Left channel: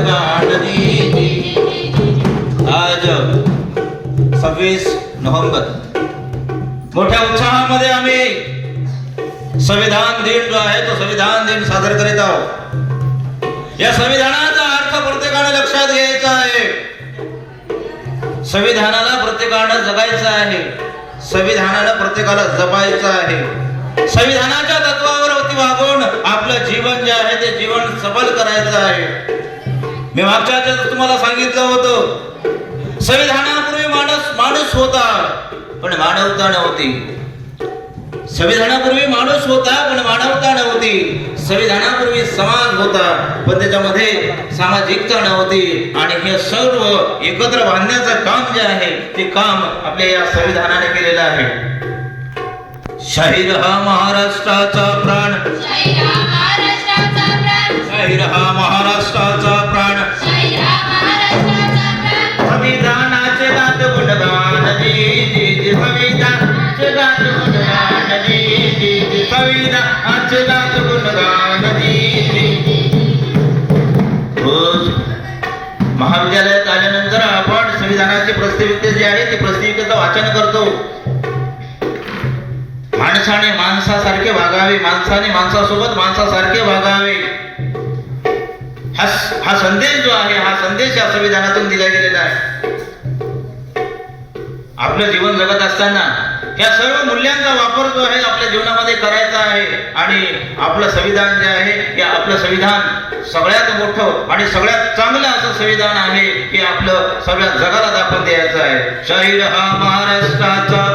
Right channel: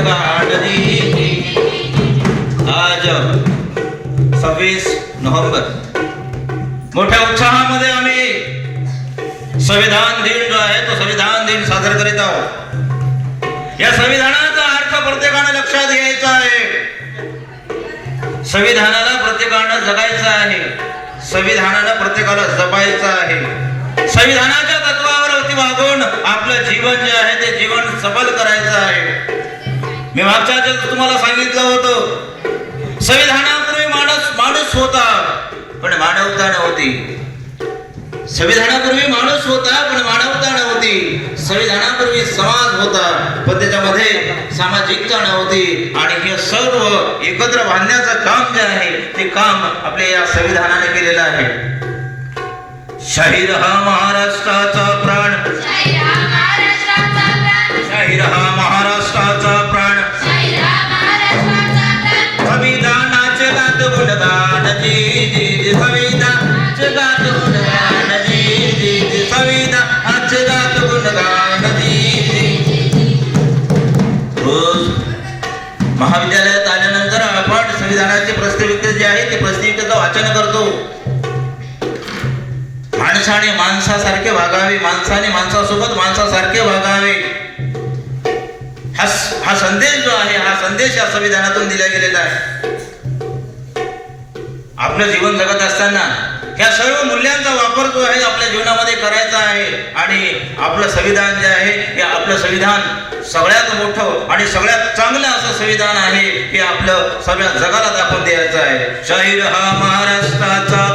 गुणगान जी। आज 26 नोव्हेंबर मोठ्या उत्साहामध्ये आम्ही संविधान दिन जो आहे तो संविधान दिन साजरा करीत आहोत। या संविधानाचा अर्थ प्रत्येकाने लक्षात घ्यायचा आहे। संविधानाला प्रत्येकाने जगायचं आहे, संविधानाला प्रत्येकाला जपायचं आहे। संविधानाच्या तत्वावरती वागून आपलं जीवन जे आहे ते जीवन सफल करायचं आहे। मी मागच्या आठवड्यात तुम्हाला सांगितलं होतं, संविधानापूर्वी माणूस होता पण मानवता नव्हती। संविधानापूर्वी माणूस होता पण मानवता नव्हती। संविधानापूर्वी समाज होता पण त्याच्यामध्ये सामाजिकता नव्हती। आणि हे सर्व एकत्र बांधण्याचं काम जे आहे ते काम आपल्या या संविधानाने केलेलं आहे। शाहीर हा महाराष्ट्राचा प्राण, शाहीर हा महाराष्ट्राचा प्राण, संविधानाचे गात गुणगान जी जी, संविधानाचे गात गुणगान जी जी, संविधानाचे गात गुणगान जी जी। रोज महाविद्यालयात आल्यानंतर आपण संविधानाचे प्रस्ताविका जे आहे ते प्रस्ताविकेचं वाचन करतो। माणसाने माणसासारखे वागावे, माणसाने माणसासोबत माणसासारखे वागावे, हा संदेश जो आहे हा संदेश या संविधानातून दिला गेलेला आहे। आपलं जीवन जगत असताना या सर्व मूल्यांचा वापर जो आहे आपल्या जीवनामध्ये करायचा आहे। आणि आपलं संविधान जे आहे हे आपलं संविधान सगळ्यात मोठं आणि सगळ्यात चांगलं असं संविधान आहे हे आपलं सगळ्या जगाला दाखवून द्यायचं आहे। शाहीर हा महाराष्ट्राचा